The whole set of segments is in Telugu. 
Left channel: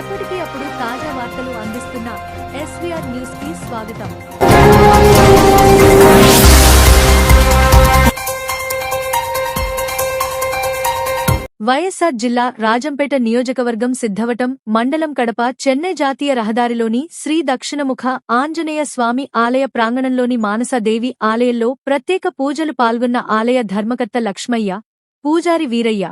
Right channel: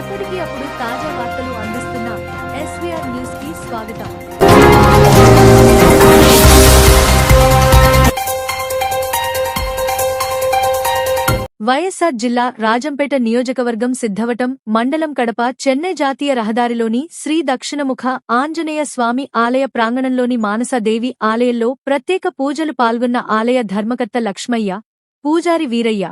ఎప్పటికీ అప్పుడు తాజా వార్తలు అందిస్తున్న ఎస్వీఆర్ న్యూస్ కి స్వాగతం. వైఎస్ఆర్ జిల్లా రాజంపేట నియోజకవర్గం సిద్ధవటం మండలం కడప చెన్నై జాతీయ రహదారిలోని శ్రీ దక్షిణముఖ ఆంజనేయ స్వామి ఆలయ ప్రాంగణంలోని మానసాదేవి ఆలయంలో ప్రత్యేక పూజలు పాల్గొన్న ఆలయ ధర్మకర్త లక్ష్మయ్య, పూజారి వీరయ్య,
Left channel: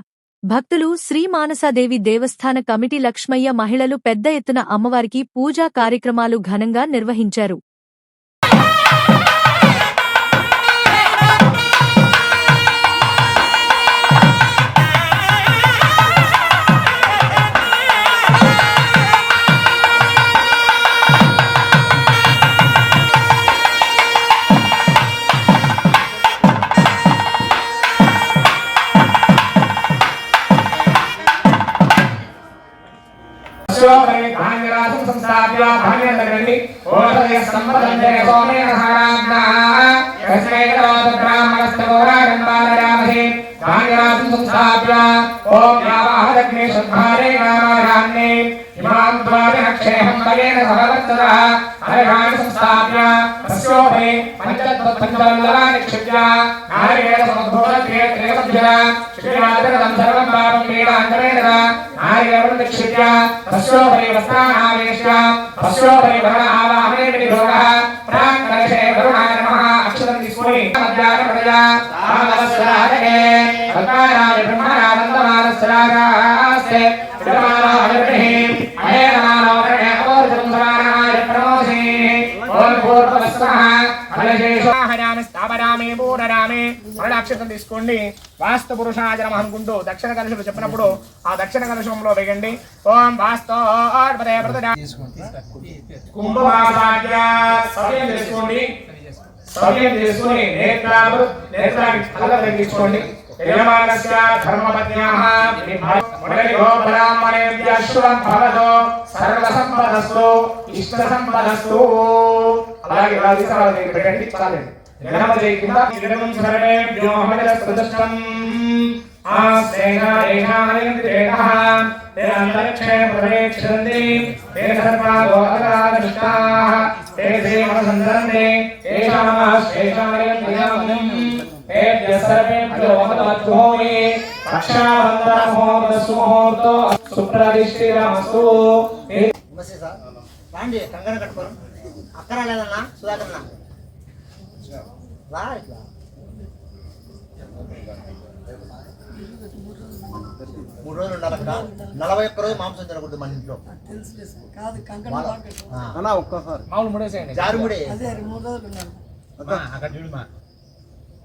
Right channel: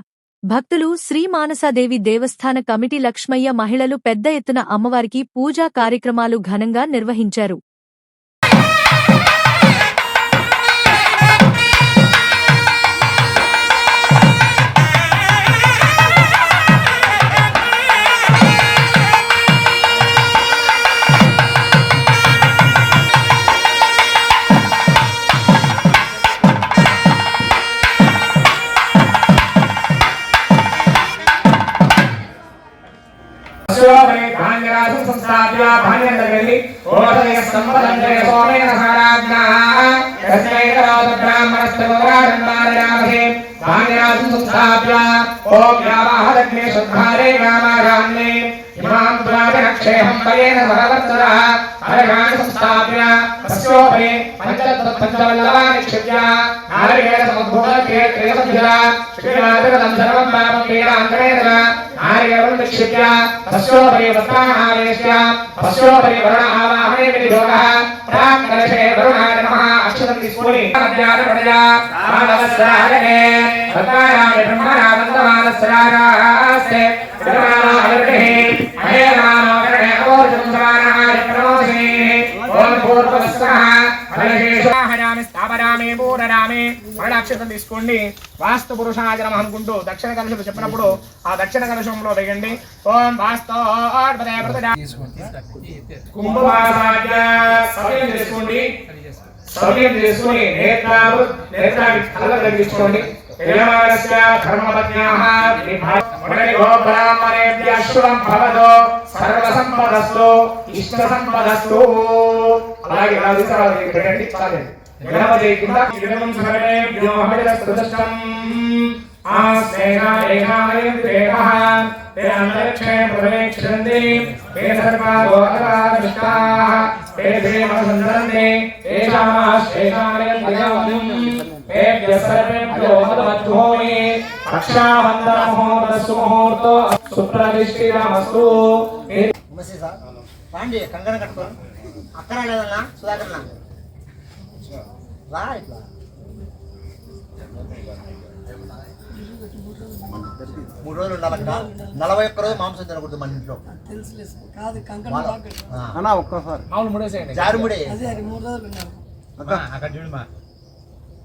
భక్తులు, శ్రీ మానసాదేవి దేవస్థాన కమిటీ లక్ష్మయ్య మహిళలు పెద్ద ఎత్తున అమ్మవారికి పూజా కార్యక్రమాలు ఘనంగా నిర్వహించారు. संस्थाप्य भान्यन्दगति ओषधे संवदन्ते सोमेन साराज्ञा तस्मै ब्राह्मणस्तवराजन्मारयामहे भान्यराजं संस्थाप्य ओम यावाहदग्ने शुद्धारे कामाराम्ने इमां द्वादशक्षेहं भगेन सहवर्ततः अरगान् संस्थाप्य तस्योपरि पञ्चवल्लभानि निक्षिप्य नारिकेलसमुद्भूतक्रिये त्रिवज्जला श्रीनाथगतं सर्वं पापं पीडान्तरेण नारिकेलं निक्षिप्य तस्योपरि वस्त्राणावेश्य तस्योपरि वरुण आवाहने विधियोगः प्राङ्कर्षे वरुणाय नमः अक्षतं स्मृति अध्यात्मप्रजा आदवस्राहरे भक्तानाय ब्रह्मणा वन्दमानस्रागास्ते विद्यमानाय वृद्धिः अहेमानोकरणे अवोर्जं समानाय प्रमोदे ओम पूर्वस्वः ఫలశేషాహరామి స్థాపరామి పూరరామి మరళాక్షతం తీసుకోండి. వాస్తు పురుషాయ నమః అనుకుంటూ దక్షిణ కలశం చెప్పినప్పుడు ఆ దక్షిణ కలశంలో వేయండి. ఓం వాస్తోర్పదే ప్రతిడా కుంభమాసాద్య సవ్యం తీసుకోండి. సవ్యం తీసుకొని నేత్రానికి కళ్ళ తీసుకోండి. యజమానస్య ధర్మపత్న్యాః మురళిగో బ్రాహ్మణేభ్యః శుభం భవతు సర్వసంపదస్తు ఇష్టసంపదస్తు. అలాగే పెట్టండి చాలండి. గణపతి కింద ఇదం సర్వేభ్యో మహిళస్తృష్టం ఆస్నేహాయేహాయేంద్రేణః తే అంతరిక్షే ప్రవేక్షంతి తే సర్వాగో అగాధనిష్టాః తే దేవసందరంతే ఏషామాశ్రేషాయేంద్రియం తేభ్యః సర్వేభ్యో మహద్వద్భూమి రక్షాబంధనముహూర్తస్సు ముహూర్తో సుప్రతిష్ఠితమస్తు. రాండి కంకణ కట్టుకోండి. అక్కడ లేదన్నా సుధాకర్ రా ఇట్లా 3 రోజులు ఉండాలి అక్కడ. 41 రోజు మాంసం తినకూడదు మన ఇంట్లో. జారుముడే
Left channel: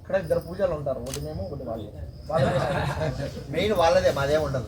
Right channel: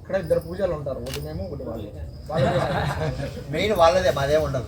ఇక్కడ ఇద్దరు పూజలు ఉంటారు. ఒకటి మేము ఒకటి వాళ్ళు. మెయిన్ వాళ్ళదే, మాదే ఉండదు.